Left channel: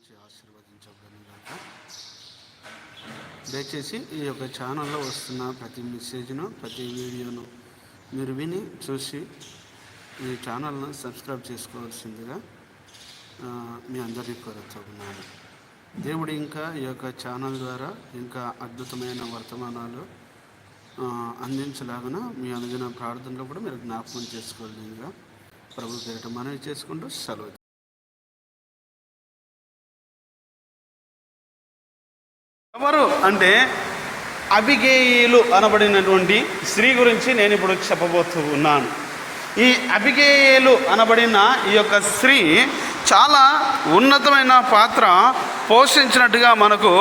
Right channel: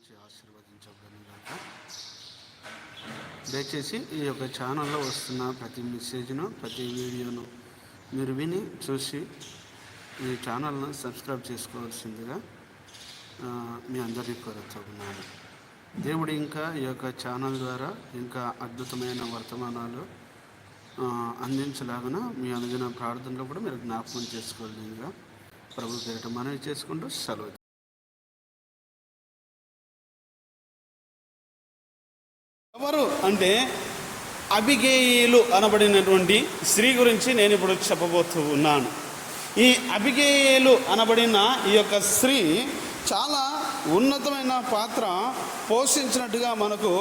దీవించి ఆశీర్వదించబడినగాక దయచేసి ఈ యొక్క ఛానల్లో వస్తున్న ప్రతి మెసేజ్ను ప్రతి వీడియోను మీరు విని చూసి ఈ ఛానల్ను సబ్స్క్రైబ్ చేసుకోవాల్సిందిగా మీ అందరినీ కోరుతున్నాను. దేవుడు ఇంకా ఈ యొక్క ఛానల్ ద్వారా ఇంకా అద్భుతమైన వర్తమానాలు అందించలాగిన మీ అనుదిన ప్రార్థనలో కూడా మీరు జ్ఞాపకం చేసుకోవాలిగా ప్రభు పేరిట మనవి చేసుకుంటూ సెలవు ఎవరు అంటే అభిగేయులు అనబడినటువంటి స్త్రీ గురించి నేను ఇప్పుడు చెప్పబోతూ ఉన్నాను ఈ అభిగేయులు అనబడిన ఈ యొక్క స్త్రీ చాలా ఉన్నతమైన పాత్ర పోషించినట్టుగా మనకు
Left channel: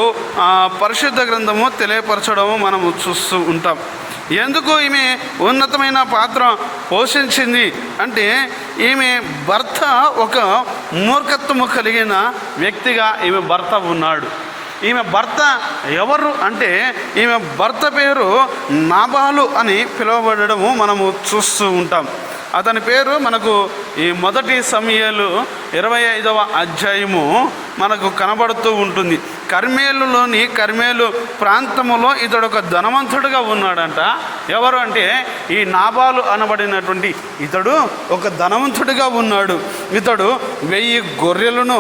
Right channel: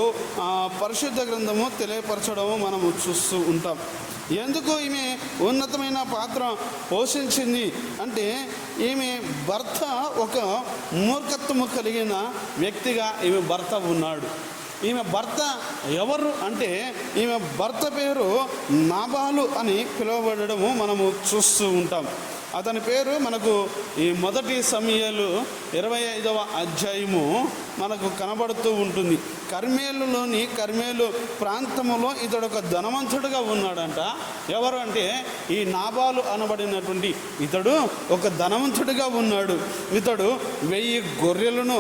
పరిశుద్ధ గ్రంథము తెలియపరచడము మనము చూస్తూ ఉంటాం. ఎందుకు ఈమె ఉన్నతమైన పాత్ర పోషించింది అంటే ఈమె భర్త ఒక మూర్ఖత్వము కలిగిన వ్యక్తిగా ఈమె భర్త ఉన్నాడు. ఈమె భర్త ఎవరు అంటే ఈమె భర్త పేరు నాబాలు అని పిలువబడము మనము చూస్తూ ఉంటాం. అతని పేరు మనకు ఈ మొదటి సమయాలు ఇరవై ఐదవ అధ్యాయము మనకు కనబడుతూ ఉంటుంది. కర్మేలులోని కర్మేలు ప్రాంతములో ఇతడు ఒక ధనవంతుడుగా ఉన్నాడంట. ఎవరు అంటే ఈ నాబాలు అనబడినటువంటి ఇతడు ఒక ధనవంతుడిగా ఉన్నాడు. ఇతడు వెయ్యి గొర్రెలను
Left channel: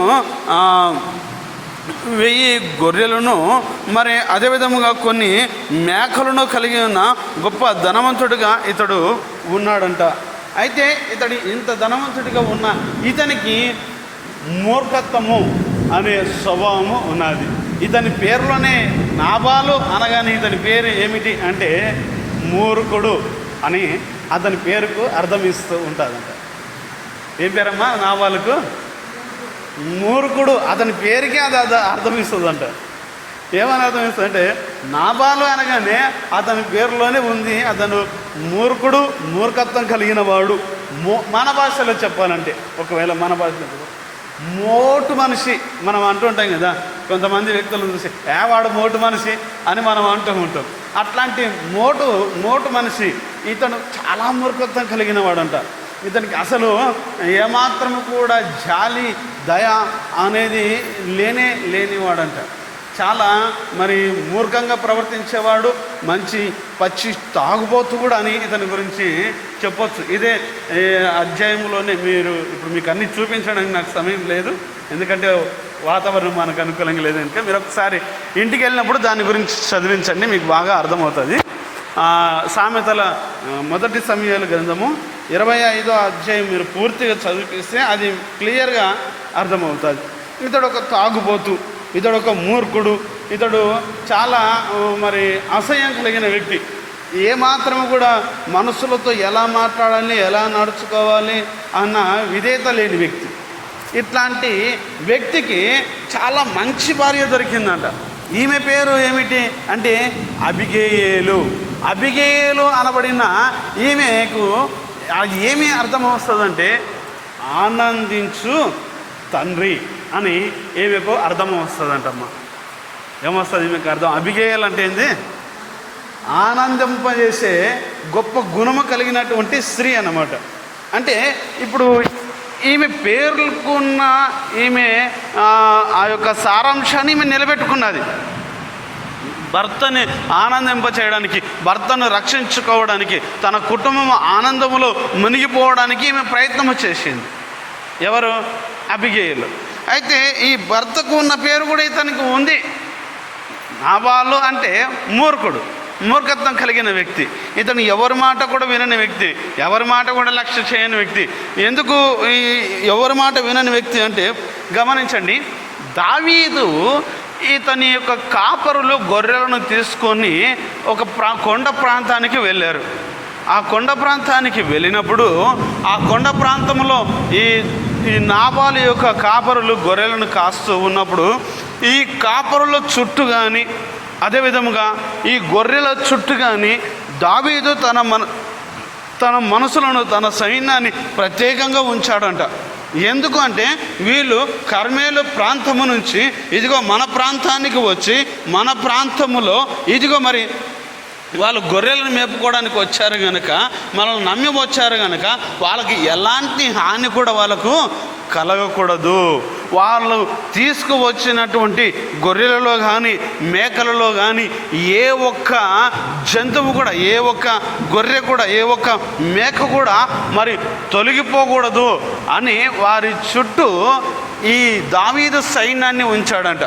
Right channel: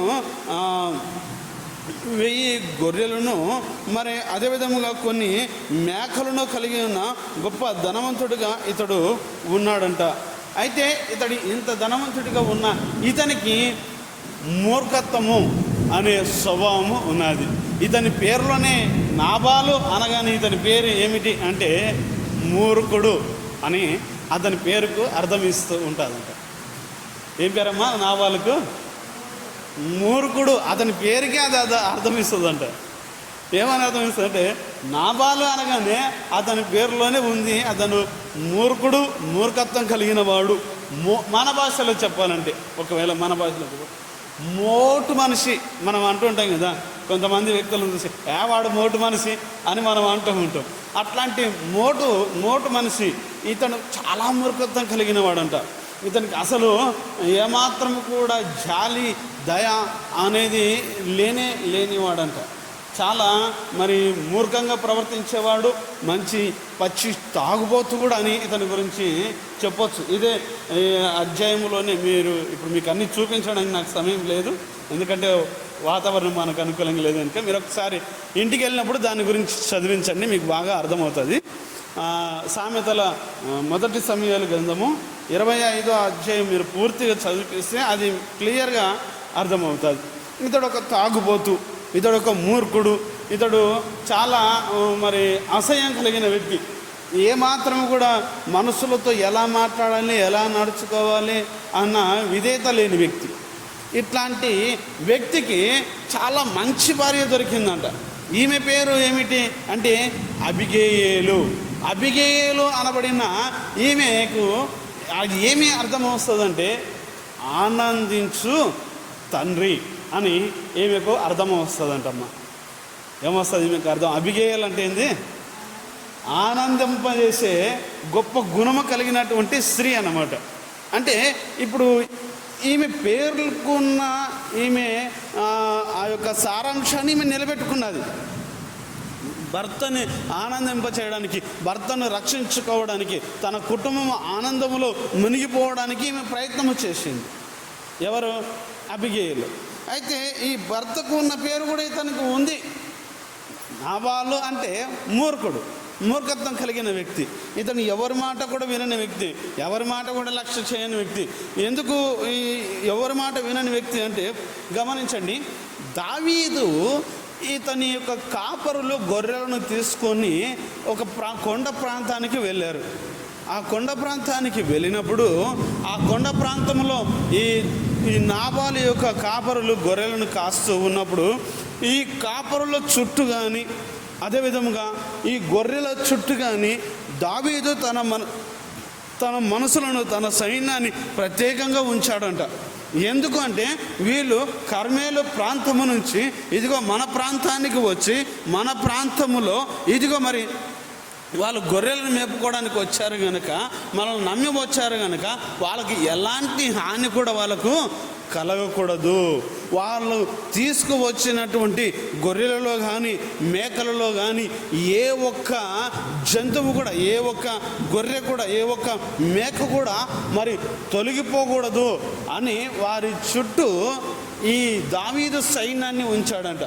వెయ్యి గొర్రెలను మరి అదేవిధముగా కొన్ని మేకలను కలిగి ఉన్న గొప్ప ధనవంతుడిగా ఇతడు ఉన్నాడంట. అయితే ఇతడు ఇంత ధనవంతుడిగా ఉన్న ఇతనికి మూర్ఖత్వము అనే స్వభావము ఉన్నది. ఇతని పేరులోనే నాబాలు అనగానే ఇతని పేరు ఏమిటి అంటే మూర్ఖుడు అని అతని పేరుకు అర్థం ఇస్తూ ఉంటుందంట ఏం పేరమ్మా? నాబాలకు మూర్ఖుడు. అతని పేరుకే అది అది అర్థమిస్తుందంట ఏమని అర్థమిస్తుంది అంటే నాబాలు అనగానే అతని పేరులోనే ఉంది. అతను మూర్ఖుడు మూర్ఖత్వం కలిగిన వాడు. మో మన భాషలో చెప్పాలంటే ఒకవేళ మన భాషలో మోటు మనిషి మనం అంటుంటాం కదా. కొంతమంది వ్యక్తులను చూసి ఏ వాడు మోటు మనిషి? అని మనం అంటూ ఉంటాం. అట్లాంటి మోటు మోటు మనిషి ఇతను చాలా మూర్ఖత్వం కలిగిన వాడంట. ఇతనికి అసలు ఏమాత్రము కూడా జాలి దయ అనేది లేనే లేనివాడంట. చాలా మరి మూర్ఖంగా ప్రవర్తించేవాడు మంచి పచ్చి తాగుబోతు కూడా అని ఇతని గురించి చెప్పొచ్చు. ఇదే అధ్యాయంలోనే మీరు ఇప్పుడు మీకు అన్ని చూపించడానికి నాకు సమయం లేదు. ఎందుకంటే వాతావరణం మనకు అనుకూలంగా లేదు కనుక మీరు ఒకసారి ఇంటికి వెళ్ళినప్పుడు దాని గురించి చదివించండి మీకు బాగా అర్థమవుతుంది. సామెతల మొదటి సమయాల గ్రంథము ఇరవై ఐదో అధ్యాయం మీరు పూర్తిగా చదివిస్తే అది క్లియర్గా అర్థమవుతుంది. ఇతడు ఒక తాగుబోతు ఇతడు ఒక మూర్ఖుడు ఇతడు చాలా మరి అసహ్యం కలిగిన వ్యక్తి. ఏమాత్రం కూడా మనుషులతో ఎలా మాట్లాడాలి ఎలా నడుచుకోవాలి అన్న విధేయత లేని వ్యక్తి. ఇట్లాంటి వ్యక్తికి చాలా మంచి భార్య దొరికిందంట. ఈమె పేరు ఏమిటి అంటే అభిగేయేలు అభిగేయులు అనబడిన ఈమెకు అది ఏమి అర్థం వస్తుందంటే ఆనందించు తండ్రి అని ఈమెకు అర్థం వస్తుందంటమ్మా. ఏమొస్తుంది మీకు అర్థం? అభిగేయాలు అంటే ఏంది? ఆనందింపజేసే గొప్ప గుణము కలిగినటువంటి స్త్రీ అన్నమాట. అంటే ఇప్పుడు ఈమె పేర్కొన్న ఈమె ఆ, ఆ యొక్క సారాంశాన్ని ఈమె నిలబెట్టుకున్నది. భర్తని ఆనందింప చేయడానికి భర్తను రక్షించుకోవడానికి తన కుటుంబం ఆనందములో మునిగిపోవడానికి ఈమె ప్రయత్నము చేసింది. ఎవరు? అభిగేయులు అయితే ఈ భర్తకు ఉన్న పేరు కూడా ఇతనికి ఉంది. నాబాలు అంటే మూర్ఖుడు. మూర్ఖత్వం కలిగిన వ్యక్తి. ఇతను ఎవరి మాట కూడా వినని వ్యక్తి. ఎవరి మాట కూడా లక్ష్య చేయని వ్యక్తి. ఎందుకు ఈ ఎవరి మాట వినని వ్యక్తి అంటే గమనించండి. దావీదు ఇతని యొక్క కాపరులు గొర్రెలను తీసుకొని ఒక ప్రా కొండ ప్రాంతానికి వెళ్ళారు. ఆ కొండ ప్రాంతానికి వెళ్ళినప్పుడు ఆ కొండ ప్రాంతంలో ఈ ఈ నాబాలు యొక్క కాపరులు గొర్రెలను కాస్తూ ఉన్నప్పుడు ఈ కాపరుల చుట్టూ కానీ అదేవిధముగా ఈ గొర్రెల చుట్టూ కానీ దావీదు తన మన తన మనసులను తన సైన్యాన్ని ప్రత్యేకంగా ఉంచాడంట. ఎందుకు అంటే వీళ్ళు కర్మేలు ప్రాంతము నుంచి ఇదిగో మన ప్రాంతానికి వచ్చి మన ప్రాంతములో ఇదిగో మరి వాళ్ళు గొర్రెలను మేపుకోవడానికి వచ్చారు కనుక మనల్ని నమ్మి వచ్చారు కనుక వాళ్ళకి ఎలాంటి హాని కూడా వాళ్ళకు కలగకూడదు. వాళ్ళు తీసుకువచ్చినటువంటి గొర్రెలలో కానీ మేకలలో కానీ ఏ ఒక్క జంతువు కూడా ఏ ఒక్క గొర్రె కూడా ఏ ఒక్క మేక కూడా మరి తొలగిపోకూడదు అని వారి చుట్టూ ఈ దావీదు సైన్యాన్ని ఉంచాడంట.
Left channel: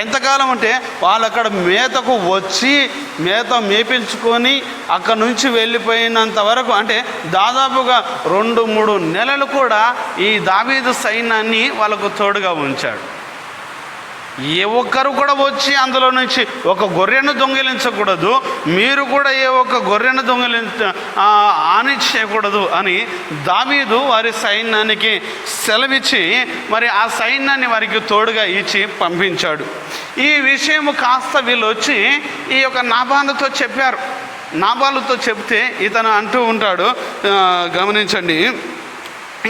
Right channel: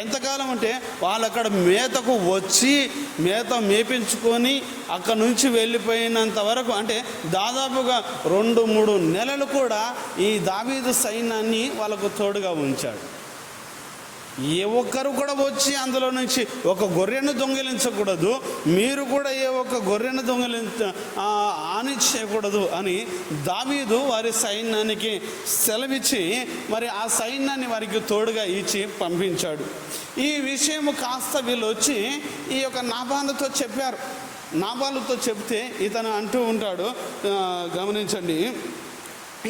ఎంతకాలం అంటే వాళ్ళు అక్కడ మేతకు వచ్చి మేత మేపించుకొని అక్కడ నుంచి వెళ్ళిపోయినంత వరకు అంటే దాదాపుగా రెండు మూడు నెలలు కూడా ఈ దావీదు సైన్యాన్ని వాళ్ళకు తోడుగా ఉంచాడు. ఏ ఒక్కరు కూడా వచ్చి అందులో నుంచి ఒక గొర్రెను దొంగిలించకూడదు మీరు కూడా ఏ ఒక్క గొర్రెను దొంగిలించ ఆని చేయకూడదు అని దావీదు వారి సైన్యానికి సెలవిచ్చి మరి ఆ సైన్యాన్ని వారికి తోడుగా ఇచ్చి పంపించాడు. ఈ విషయం కాస్త వీళ్ళు వచ్చి ఈ యొక్క నాబాలతో చెప్పారు. నాబాలుతో చెప్తే ఇతను అంటూ ఉంటాడు గమనించండి.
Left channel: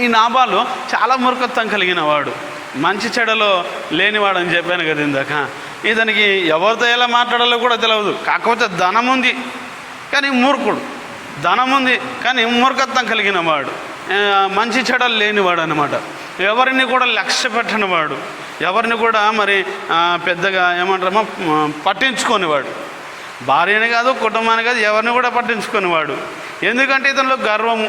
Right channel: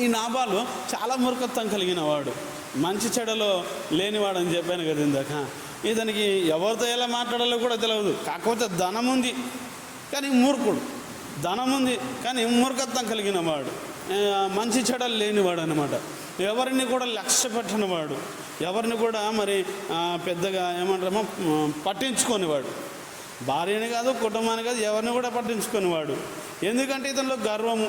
ఈ నాబాలు చాలా మూర్ఖత్వం కలిగిన వాడు. మంచి చెడలో లేనివాడని చెప్పాను కదా ఇందాక. ఇతనికి ఎవరితో ఎలా మాట్లాడాలో కూడా తెలియదు కాకపోతే ధనం ఉంది కానీ మూర్ఖుడు. ధనం ఉంది కానీ మూర్ఖత్వం కలిగిన వాడు. మంచి చెడలు లేనివాడు అనమాట ఎవరిని కూడా లక్ష్య పెట్టని వాడు. ఎవరిని కూడా మరి పెద్దగా ఏమంటారమో పట్టించుకోనివాడు భార్యని కాదు కుటుంబాన్ని కాదు ఎవరిని కూడా పట్టించుకునేవాడు ఎందుకంటే ఇతనిలో గర్వం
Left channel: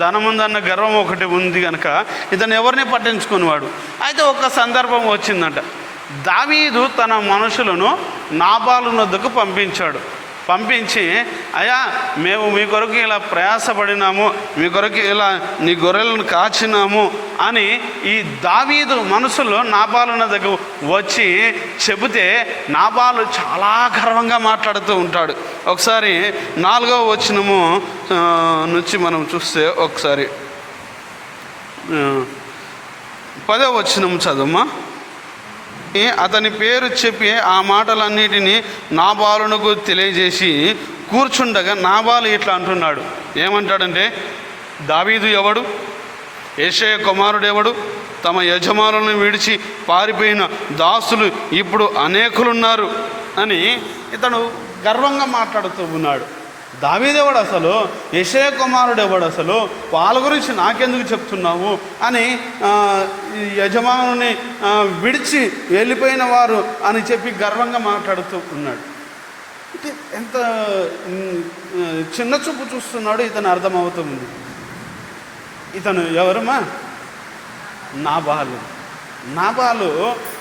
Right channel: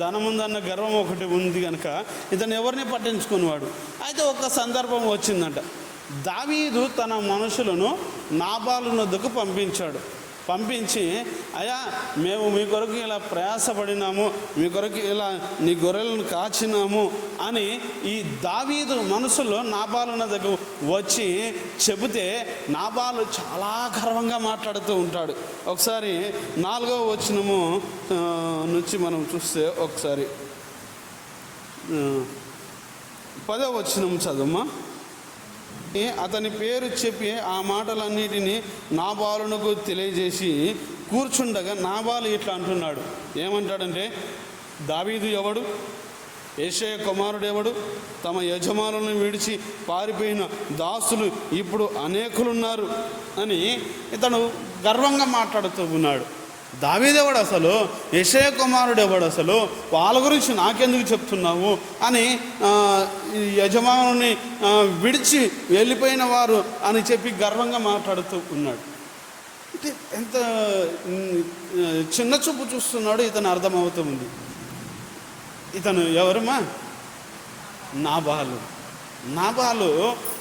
ధనం ఉందన్న గర్వం ఒకటి ఉంది కనుక ఇతను ఎవరిని పట్టించుకునేవాడు? అయితే ఒక సందర్భం వచ్చిందంట. దావీదు తన మనుషులను నాబాలు నొద్దకు పంపించాడు. పంపించి అయ్యా మేము మీ కొరకు ఇలా ప్రయాసపడినాము మీ కొరకు ఇలా నీ గొర్రెలను కాచినాము అని ఈ దావీదు మనసులో నాబాలున దగ్గర వచ్చి చెబితే నాబాలు చాలా గర్వంగా మాట్లాడుతూ ఉంటాడు. ఒకసారి నాలుగవ వచనము నుంచి మనం చూస్తే ఒకసారి పదో పదవ వచనం చదువుమా? అతని పేరు చెప్పి ఆ మాటలన్నిటినీ నాబాలునకు తెలియజేసి కూర్చుండగా నాబాలు ఇట్లా అంటున్నాడు. ఏమంటాడంటే దావీదు ఎవడు? ఏషయ కుమారుడు ఎవడు? తమ యజమానులను విడిచి పారిపోయిన దాసులు ఇప్పుడు అనేకులున్నారు అని ఇతను గర్వంగా మాట్లాడుతూ ఉన్నాడు. దావీదేవాడు అసలు? యశయ కుమారుడు ఎవడు అసలు? వాళ్ళ గురించి నాకెందుకు చెప్తున్నావు? అని యజమానుని విడిచి వెళ్ళిపోయిన వారు అని చెప్పి గర్వంగా మాట్లాడుతూ ఉన్నాడు. అంటే ఎంత చిన్న చూపు చూస్తున్నాడు ఇతను అర్థమవుతుంది ఇతను ఎవరమ్మా నాబాలు నాబాలు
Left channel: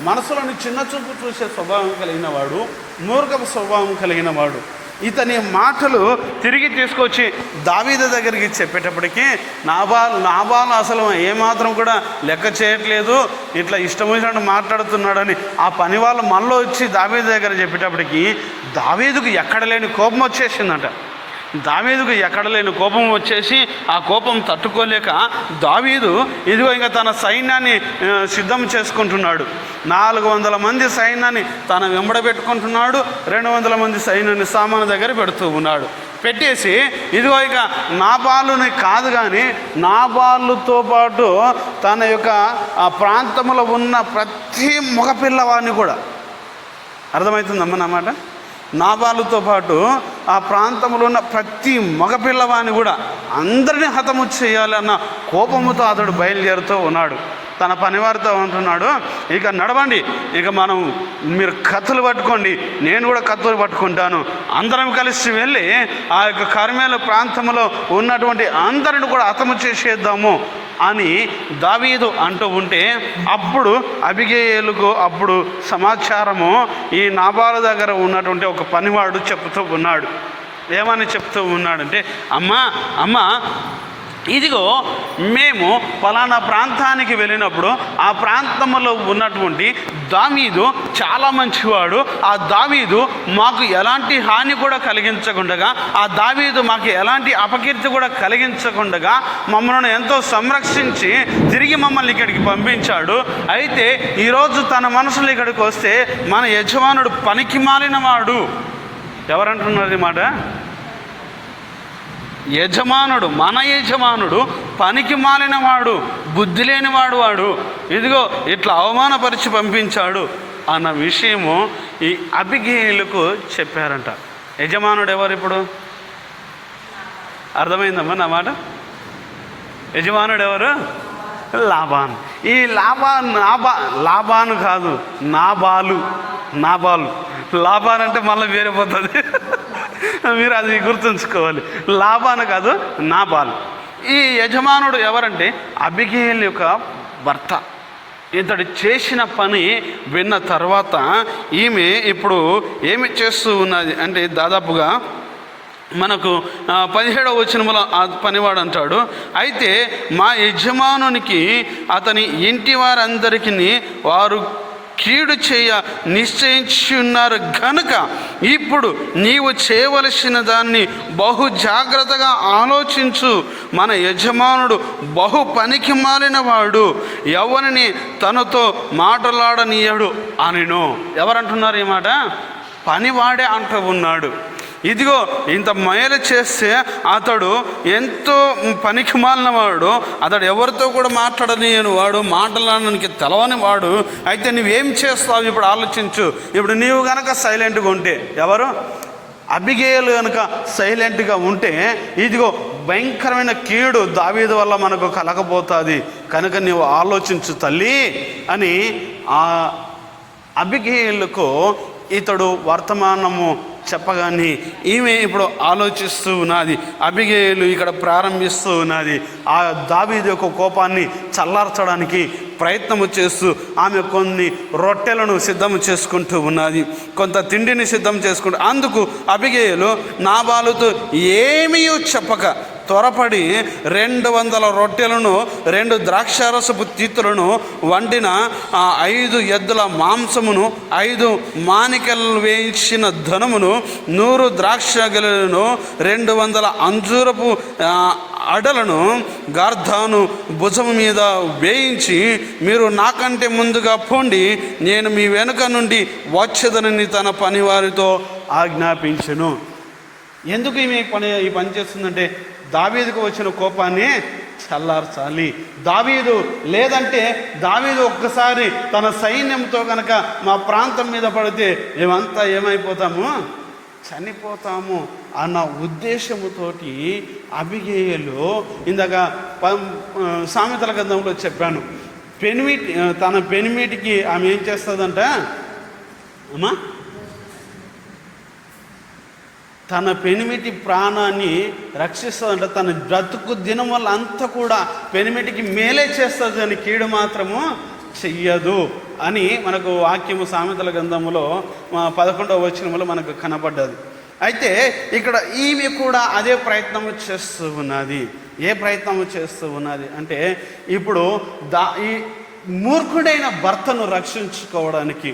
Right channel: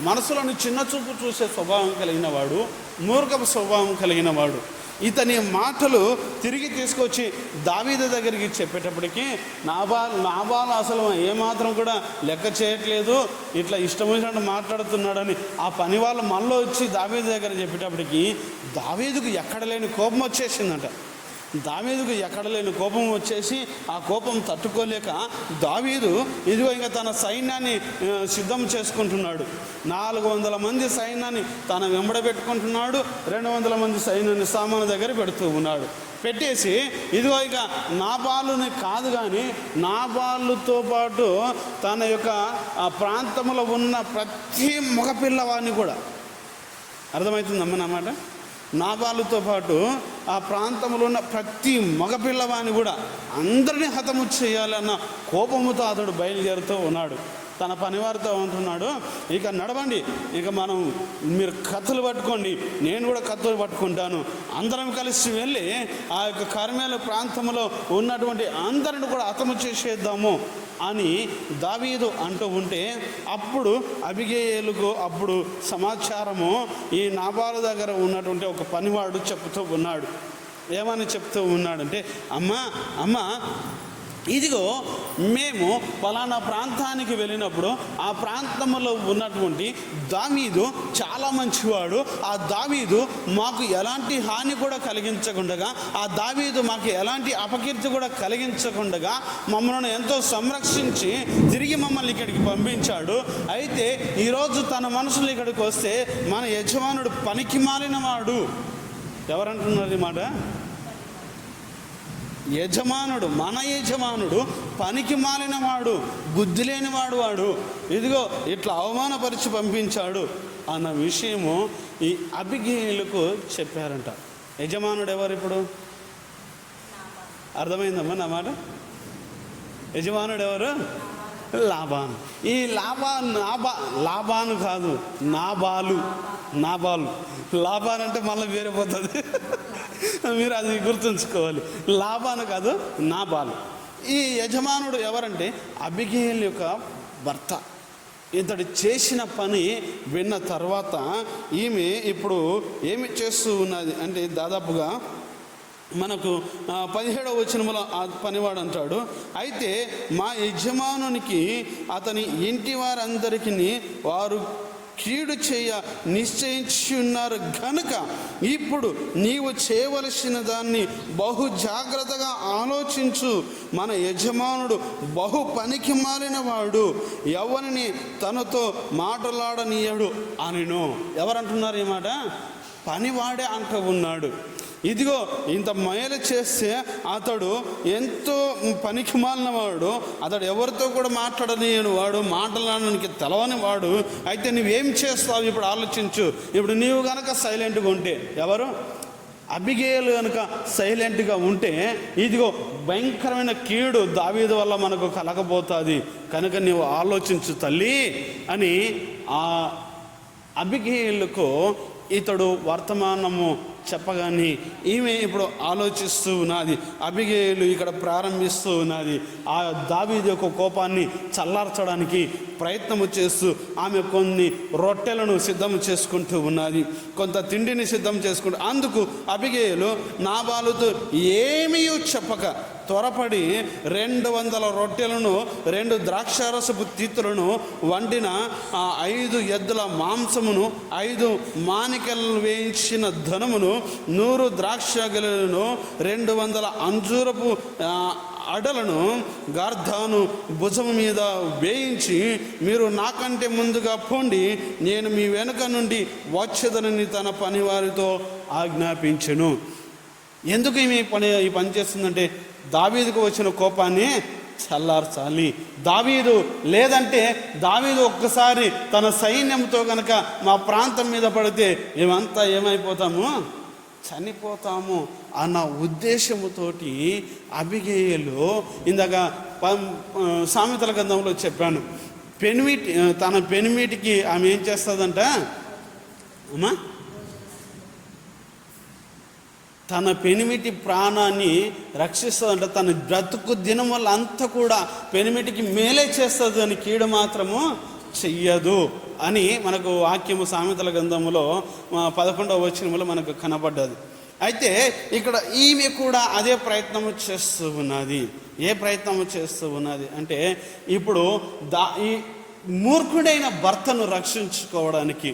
మనసులోని చిన్న చూపు చూసే స్వభావం కలిగిన వాడు మూర్ఖపు స్వభావం కలిగిన వాడు. ఇతని మాటలు తిరిగి తీసుకొచ్చి దావీద దగ్గరికి చెప్పేటప్పటికీ నాబాల్ నాబాల్ అసలు ఏమాత్రం కూడా లెక్క చేయట్లేదు. ఇట్లా ఇష్టం వచ్చినట్టు మాట్లాడుతున్నాడని ఆ పని వాళ్ళు మనలో వచ్చి దావీద దగ్గర చెప్పేటప్పటికి దావీదుకు ఎక్కడ లేని కోపం వచ్చేసిందంట. దావీదుకు ఎక్కడలేని కోపం వచ్చేసి ఆ కోపం తట్టుకోలేక దావీదు ఇదిగో ఇంకా తన సైన్యాన్ని సిద్ధం చేసుకుంటున్నాడు. నాలుగు వందల మంది సైన్యాన్ని తన వెంబడ పెట్టుకుంటున్నాడు రెండు వందల మంది సైన్యాన్ని సామాను దగ్గర పెడుతూ ఉన్నాడు. పెట్టేసి ఇదిగో ఇక నాబాలుని కాదు కానీ నాబాలుతో పాటు తన యొక్క ఆ ప్రాంతంలో ఉన్న ప్రతి మగపిల్లవాడిని కూడా. అర్థమవుతుందమ్మ నా మాట? నాబాలుతో పాటు ఆ ప్రాంతంలో ఉన్న ప్రతి మగపిల్లవాని కూడా అందరినీ హతము చేయాలన్న కోపముతో అతడు బయలుదేరుతూ ఉన్నాడు. తన పనివారితో అంటున్నాడు ఇక నడవండి ఇక మనం మీరు కత్తులు పట్టుకోండి నేను కూడా కత్తులు పట్టుకుంటాను. అందరం కలిసి వెళ్ళి ఆ యొక్క కర్మేల ప్రాంతంలో ఉన్నటువంటి అందరిని కూడా హతము చేసేద్దాము. అని దావీదు అంటూ ఉంటే అప్పుడు అభిగేయులకు అప్పుడు సమాచారము ఈ నాబాల దగ్గర ఉన్నటువంటి ఒక పనివాడు చెప్తూ ఉన్నాడు. ఏమని చెప్తూ ఉన్నాడంటే అమ్మ అమ్మ ఇదిగో మేము పలానా ప్రాంతానికి వెళ్ళినప్పుడు ఆ ప్రాంతంలో ఉన్నటువంటి దావీదు చాలా మంచివాడు. ఆ దావీదు మాకు ఎలాంటి హాని కూడా కలిగించకుండా ఆ దావీదు మాకు ఎలాంటి అపకీర్తి కూడా కలిగించకుండగా మమ్మల్ని ఎంతో సంరక్షించి తిరిగి మమ్మల్ని ఇక్కడికి పంపించాడు. అయితే ఈరోజు తన మనసులో ఇక్కడికి వస్తే మన యజమానుడు పనికి మాలిన వాడు ఎవరంటున్నారు ఈ మాట? యజమానుడు మన యజమానుడు పనికి మాలినవాడు బుద్ధి లేనివాడు వాడు. ఇదిగో ఇట్లా అవమానపరిచి పంపించాడు అన్న విషయము ఈ అభిగేయులకు చెప్పారంట. యజమానుడు ఎవరు ఇప్పుడు? అర్థమైందమ్మా నా మాట? యజమానుడు ఎవరు? లాభాన్ ఈ లాభాన్ నాబా లాభాను కాదు నాబాలు నాబాలు. లాభాన్ అంటే మళ్ళీ వేరే పోతుంది మీరు అది గుర్తుంచుకోవాలి. లాభాను కాదు నాబాలు ఈ యజమానుడు ఎవరంటే అబిగేల్ యొక్క భర్త. ఇతడు చేసిన పని విన్న తర్వాత ఈమె ఇప్పుడు ఏమి చేస్తూ ఉన్నది అంటే దాదాపుగా మనకు పదిహేడవ వచనములో ఆ పనివాడు అంటాడు అయితే మా యజమానునికి అతని ఇంటి వారందరికీ వారు కీడు చేయ నిశ్చయించి ఉన్నారు కనుక ఇప్పుడు నీవు చేయవలసిన దాన్ని బహు జాగ్రత్తగా ఆలోచించు. మన యజమానుడు బహు పనికి మాలిన వాడు. ఎవరిని తనతో మాటలాడనీయడు అనిను. ఎవరంటున్నారు ఈ మాట? పనివాడే అంటూ ఉన్నాడు. ఇదిగో ఇంత మేలు చేస్తే అతడు ఎంతో పనికి మాలిన వాడు. అతడు ఎవరితో కూడా మాట్లాడలేని వాడు మాట్లాడడానికి తెలవని వాడు. అయితే నువ్వేం చేస్తావు? ఇప్పుడు ఆలోచించు. ఇప్పుడు నీవు కనుక సైలెంట్గా ఉంటే ఎవరు? అబిగేయులు కనుక సైలెంట్గా ఉంటే ఇదిగో భయంకరమైన కీడు దావీదు వల్ల మనకు కలగబోతుంది. కనుక నీవు ఆలోచించు తల్లి అని ఆ అబిగేయులకు ఇతడు వర్తమానము చెప్పగానే ఈమె ఇప్పుడు ఆలోచిస్తూ ఉన్నది అబిగేయులు ఇక్కడ ప్రారంభిస్తూ ఉన్నది. ఆ దావీది యొక్క కోపాన్ని చల్లార్చడానికి ప్రయత్నము చేస్తూ ఆమె కొన్ని రొట్టెలను సిద్ధం చేసుకుంటూ ఉన్నది. కొంత తిండిని సిద్ధం చేసుకుంటూ అందుకు అబిగేయులు నాబాలుతో ఏమీ చెప్పక త్వరపడి రెండు వందల రొట్టెలను రెండు ద్రాక్షారసపు తీతులను వండిన ఆ ఐదు ఎద్దుల మాంసమును ఐదు మానికలు వేయించిన ధనమును నూరు ద్రాక్ష గలను రెండు వందల అంజూరపు అడలను గార్ధాను భుజము మీద వేయించి మీరు నాకంటే ముందుగా పోండి. నేను మీ వెనుక నుండి వచ్చేదనని తన పనివారితో ఆజ్ఞాపించను. ఎందుకు ఈమె పని ఈ పని చేస్తుందంటే దావీదుకు వచ్చిన కోపాన్ని చల్లార్చాలి. దావీదు లేదంటే దావీదు ఒక్కసారి తన సైన్యంతో కనుక మా ప్రాంతం మీద పడితే మేమంతా ఏమైపోతాము? చనిపోతాము అన్న ఉద్దేశముతోటి అభిగేయులు ఇందాక సామెతల గంధంలో చెప్పాను. పెనిమిటి తన పెనిమిటికి ఆమె ఏం చేస్తుందంట? అమ్మా తన పెనిమిటి ప్రాణాన్ని రక్షిస్తుందంట. తన బ్రతుకు దినం వల్ల అంతా కూడా పెనిమిటికి మేలే చేస్తుంది అని కీడు మాత్రము చెయ్యదు అని మనకు వాక్యము సామెతల గ్రంథములో పదకొండవ వచనములో మనకు కనబడ్డది. అయితే ఇక్కడ ఈమె కూడా అదే ప్రయత్నము చేస్తూ ఉన్నది. ఏ ప్రయత్నము చేస్తూ ఉన్నది అంటే ఇప్పుడు దా ఈ మూర్ఖుడైన భర్తను రక్షించుకోవడానికి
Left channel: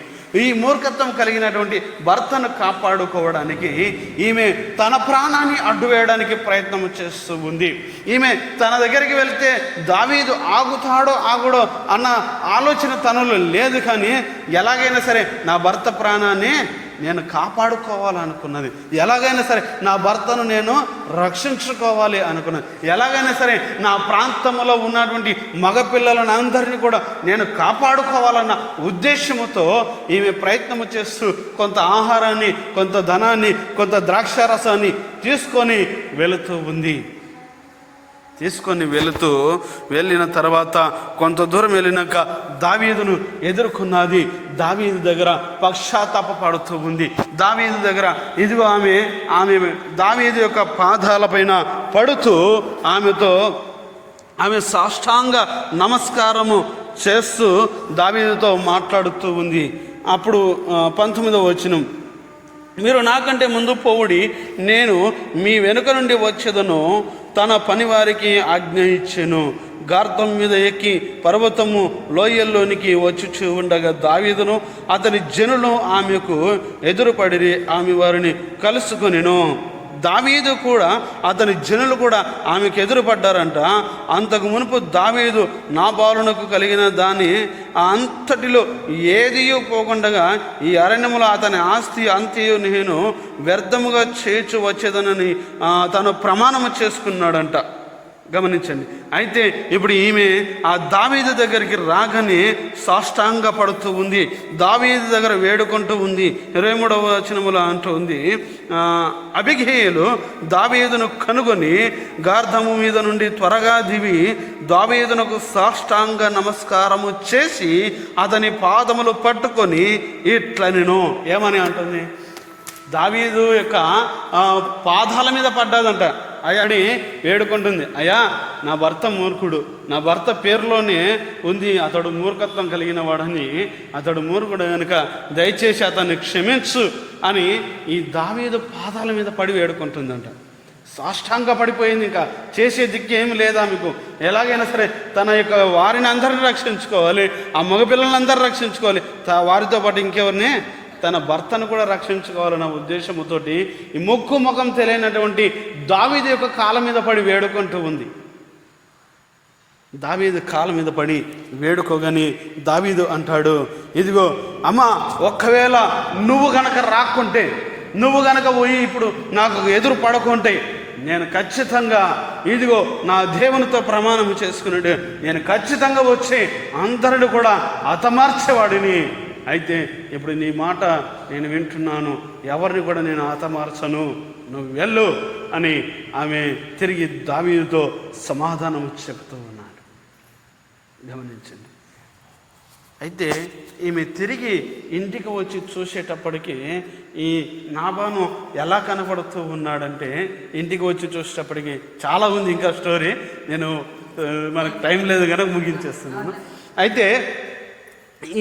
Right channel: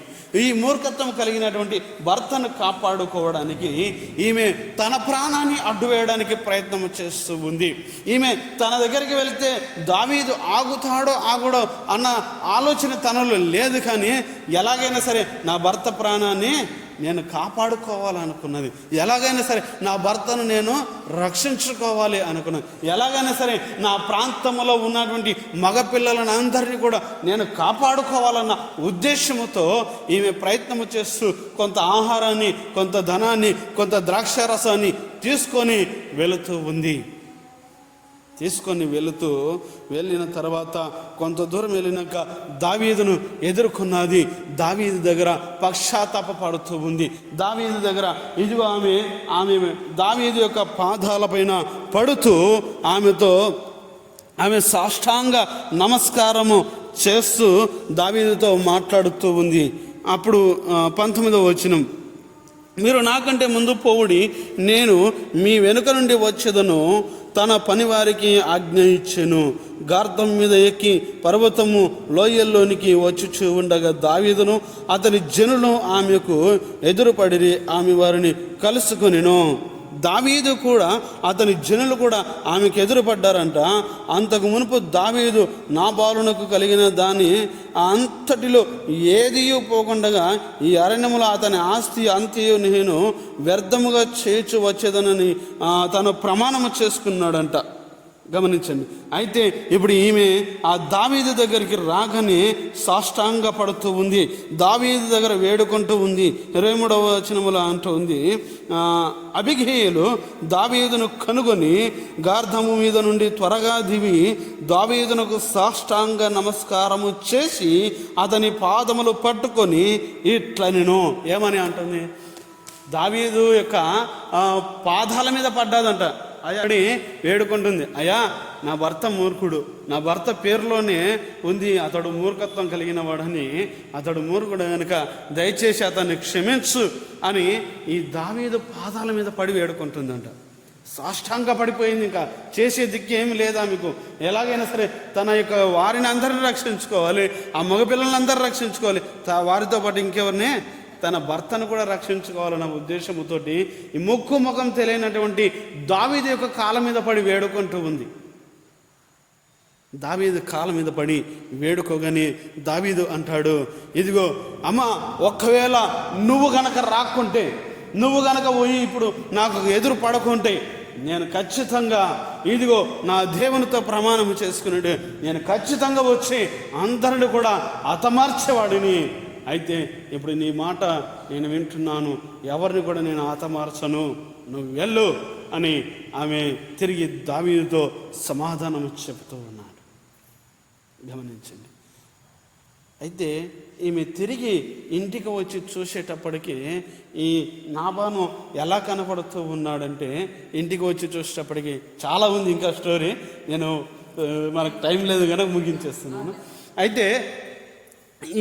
ఈ మూర్ఖత్వం కలిగినటువంటి భర్తను కాపాడుకోవడానికి ఈమె తన ప్రాణాన్ని అడ్డు వేయడానికి ప్రయత్నం చేస్తూ ఉంది. ఈమె తన దగ్గరికి వెళ్తే దావీదు ఆగుతాడో ఆగుడో అన్న ఆలోచన తనలో లేదు కానీ ఎలాగైనా సరే నా భర్త ప్రాణాన్ని నేను కాపాడుకోవాలనుకున్నది. ఎలాగైనా సరే నా భర్తను నేను రక్షించుకోవాలి అనుకున్నది ఎలాగైనా సరే నా ప్రాంతంలో ఉన్నటువంటి మగపిల్లలను అందరినీ కూడా నేను కాపాడుకోవాలన్న ఉద్దేశముతో ఈమె ప్రయత్నము చేస్తూ కొంత ఆహారాన్ని కొంత ధనాన్ని కొంత ద్రాక్షారసాన్ని తీసుకొని వెళుతూ ఉంది. తీసుకొని వెళుతూ వెళ్ళిన తర్వాత కొంత దూరం వెళ్ళినాక దావీదును ఎదుర్కొన్నది. దావీదు దగ్గర పశ్చాత్తాప పడుతూ ఉంది. దావీదు దగ్గర ఇదిగో ఆమె ఆమె దావీదు యొక్క పాదాలపైన పడుతూ ఆమెతో ఆమె సాష్టాంగ నమస్కారము చేస్తూ దావీదుతో మాట్లాడుతూ ఉంది. అప్పుడు పంతొమ్మిదవ వచనం. మీరు నాకంటే ముందు పోవుడి నేను మీ వెనుక నుండి వచ్చేదను. తన పనివారికి ఆజ్ఞ ఇచ్చెను. గార్తం మీద ఎక్కి పర్వతము లోయల్లోనికి వచ్చి ఉండగా దావీదును అతని జనులు ఆమెకు ఎదురుపడి ఆమె వారిని కలుసుకొనిను. దావీదు కూడా అతని జనులు కూడా ఆమెకు ఎదురుపడ్డారంట. అంతకు మునుపు దావీదు నా పాలనకు కలిగిన దాన్ని అంతటిలో ఏదియో పోకుండగా ఈ అరణ్యములో అతని ఆస్తి అంత్యు నేను వ్యర్థముగా చేర్చు వచ్చేదనని తను ప్రమాణము చేసుకున్నాడంట. గమనించండి. అయితే ఇప్పుడు ఈమె ఆ దావీదు దగ్గరికి రాగానే సాష్టాంగ పడుతూ ఉంది. దావీదు దగ్గర వేడుకుంటూ ఉంది. ఇరవై మూడవ వచనములో అంటూ ఉంది. అభిఘేయులు దావీదును కనుగొని గార్ధము మీద నుండి త్వరగా దివి దావీదునకు సాష్టాంగ నమస్కారము చేసి అతని పాదములు పట్టుకొని ఇట్లనెను. ఏమని అంటుంది? దావీదు యొక్క పాదాల మీద పడ్డాదంట అయ్యాడి వేడుకుంటుంది. అయ్యా నా భర్త మూర్ఖుడు. నా భర్త పేరులోనే ఉంది అతడు మూర్ఖత్వం కలిగిన వాడని. అతడు మూర్ఖుడు కనుక దయచేసి అతన్ని క్షమించు అని ఈ దావీదు పాదాల మీద పడి వేడుకుంటుందంట. సాష్టాంగ పడిపోయింది ఇంకా. చేసే దిక్కు ఏమి లేదా మీకు? ఎలాగైనా సరే తన యొక్క వారిని అందరిని రక్షించుకోవాలి ఆ మగపిల్లలందరూ రక్షించుకోవాలి. వారితో పాటు ఇంకెవరిని? తన భర్తను కూడా రక్షించుకోవాలన్న ఉద్దేశంతోటి ఈ ముక్కు ముఖం తెలియనటువంటి దావీదు యొక్క కాళ్ళ మీద పడి వేడుకుంటూ ఉంది. దావీదు కాళ్ళ మీద పడి వేడుకోగాని దావీదు అంటాడు ఇదిగో అమ్మ ఒక్కవేళ నువ్వు గనక రాకుంటే నువ్వు గనక పోయి ఇప్పుడు నాకు ఎదురు పడకుంటే నేను ఖచ్చితంగా ఇదిగో నా దేవునితో ప్రమాణం చేసుకున్నాడు నేను ఖచ్చితంగా వచ్చి అందరిని కూడా హతమార్చేవాడిని. అయితే ఇప్పుడు నీ మాట నేను వింటున్నాను. ఎవరిని కూడా నేను ఆతమార్చను నువ్వు వెళ్ళు అని ఆమె తిరిగి దావీదుతో సమాధానం చెబుతూ ఉన్నాడు. గమనించండి. అయితే ఈమె తిరిగి ఇంటికి వచ్చి చూసేటప్పటికి ఈ నాబాను ఎలా కనబడుతూ ఉన్నాడంటే ఇంటికి వచ్చి చూసేటప్పటికి చాలా ఉంది ఇంకా స్టోరీ. నేను మనకు టైం లేదు కనుక ముగించేస్తున్నాను. అయితే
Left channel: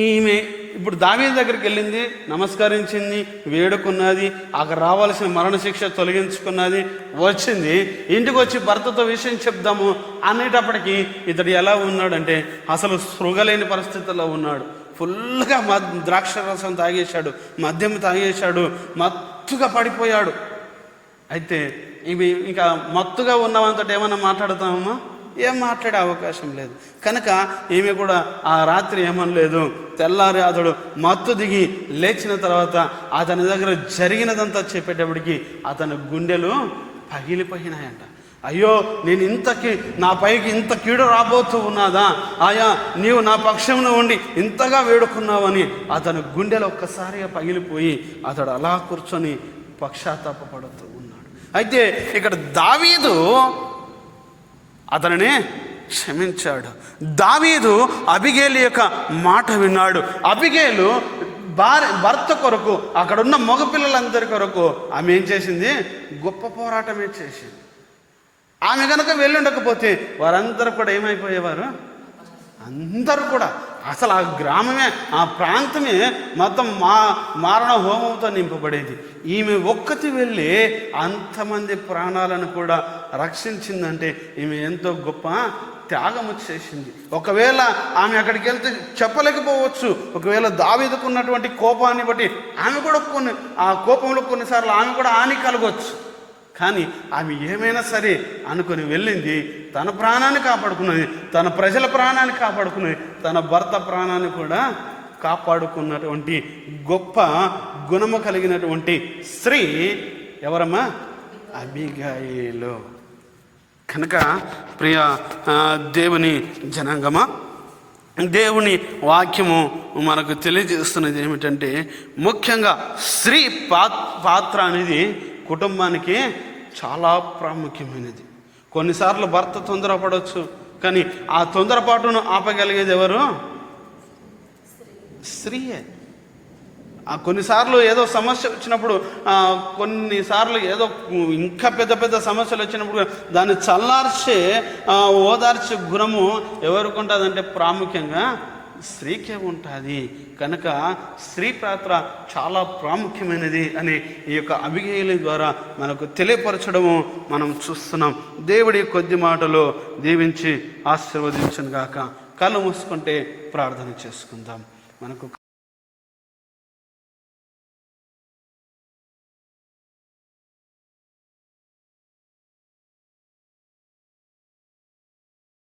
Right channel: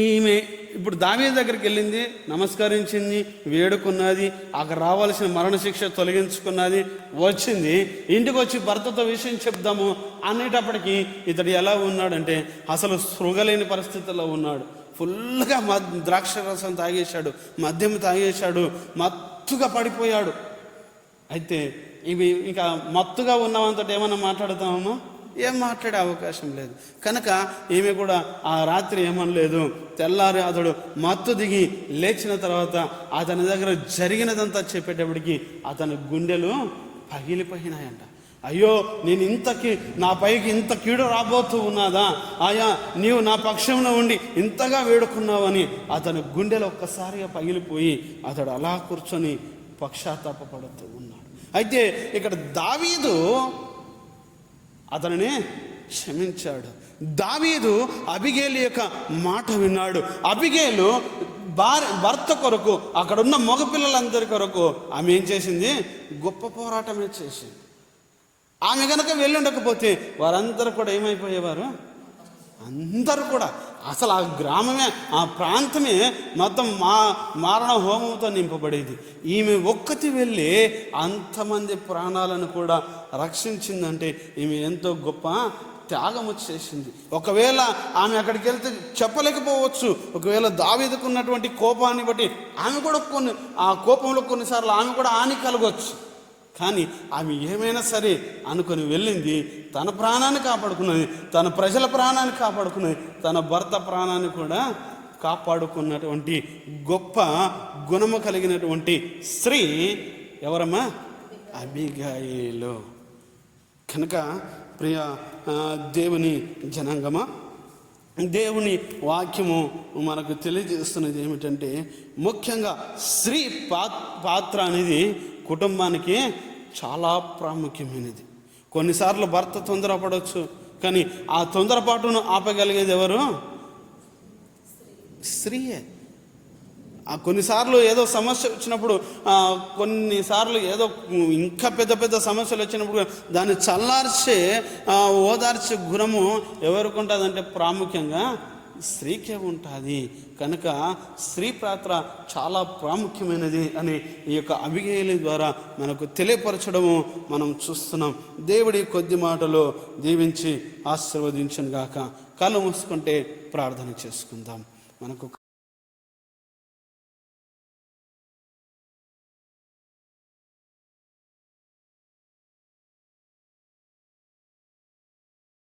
ఈమె ఇప్పుడు దావీ దగ్గరికి వెళ్ళింది నమస్కరించింది వేడుకున్నది అక్కడ రావాల్సిన మరణశిక్ష తొలగించుకున్నది వచ్చింది. ఇంటికి వచ్చి భర్తతో విషయం చెప్దాము అనేటప్పటికీ ఇతడు ఎలా ఉన్నాడంటే అసలు స్పృగలేని పరిస్థితుల్లో ఉన్నాడు. ఫుల్గా మద్ ద్రాక్ష రసం తాగేశాడు మద్యం తాగేశాడు మత్తుగా పడిపోయాడు. అయితే ఇవి ఇంకా మత్తుగా ఉన్నవంతటి ఏమన్నా మాట్లాడతామమ్మా ఏం మాట్లాడే అవకాశం లేదు. కనుక ఈమె కూడా ఆ రాత్రి ఏమనలేదు. తెల్లారి అతడు మత్తు దిగి లేచిన తర్వాత అతని దగ్గర జరిగినదంతా చెప్పేటప్పటికి అతని గుండెలు పగిలిపోయినాయంట. అయ్యో నేను ఇంతకి నా పైకి ఇంత కీడు రాబోతూ ఉన్నదా? ఆయా నీవు నా పక్షంలో ఉండి ఇంతగా వేడుకున్నావని అతని గుండెలు ఒక్కసారిగా పగిలిపోయి అతడు అలా కూర్చొని పక్షాతాపడుతూ ఉన్నాడు. అయితే ఇక్కడ దావీదు అతనిని క్షమించాడు. దావీదు అబిగేలు యొక్క మాట విన్నాడు. అబిగేలు భార్య భర్త కొరకు అక్కడున్న మగపిల్లలందరి కొరకు ఆమె ఏం చేసింది? గొప్ప పోరాటమే చేసింది. ఆమె కనుక వెళ్ళుండకపోతే వారందరూ కూడా ఏమైపోయేవారు? అందరూ కూడా. అసలు ఆ గ్రామమే ఆ ప్రాంతమే మొత్తం మా మారణ హోమంతో నింపబడేది. ఈమె ఒక్కతి వెళ్ళి అంతమంది ప్రాణాలను కూడా రక్షించిందంటే ఈమె ఎంతో గొప్ప త్యాగము చేసింది. ఒకవేళ ఆమె అక్కడికి వెళ్తే చెప్పలేకపోవచ్చు. ఒకవేళ దావేదుకున్నటువంటి కోపాన్ని బట్టి ఆమె కూడా కొన్ని ఆ కోపంలో కొన్నిసార్లు ఆమె కూడా హాని కలగవచ్చు కానీ ఆమె ఏమైనా సరే అనుకుని వెళ్ళింది తన ప్రాణాన్ని కాపాడుకున్నది తన ప్రజల ప్రాణాన్ని కాపాడుకున్నది తన భర్త ప్రాణాన్ని కూడా కాపాడుకున్నటువంటి గొప్ప గుణము కలిగినటువంటి స్త్రీ ఎవరమ్మా? అబిగాయిలు. కనుక ప్రియ దేవుని జనాంగమా దేవుని వాక్యము మనకు తెలియజేస్తున్నది ఏమిటంటే ముఖ్యంగా స్త్రీ పా- పాత్ర అనేది కుటుంబానికి చాలా ప్రాముఖ్యమైనది. కొన్నిసార్లు భర్త తొందరపడవచ్చు కానీ ఆ తొందరపాటును ఆపగలిగేది ఎవరు? స్త్రీయే. ఆ కొన్నిసార్లు ఏదో సమస్య వచ్చినప్పుడు కొన్నిసార్లు ఏదో ఇంకా పెద్ద పెద్ద సమస్యలు వచ్చినప్పుడు దాన్ని చల్లార్చే ఓదార్చే గుణము ఎవరికి ఉంటుందంటే ప్రాముఖ్యంగా స్త్రీకే ఉంటుంది. కనుక స్త్రీ పాత్ర చాలా ప్రాముఖ్యమైనది అని ఈ యొక్క అభిగేయుల ద్వారా మనకు తెలియపరచడము మనం చూస్తున్నాం. దేవుడి కొద్ది మాటలు దీవించి ఆశీర్వదించను గాక కళ్ళు మూసుకుంటే ప్రార్థన చేసుకుందాం. మనకు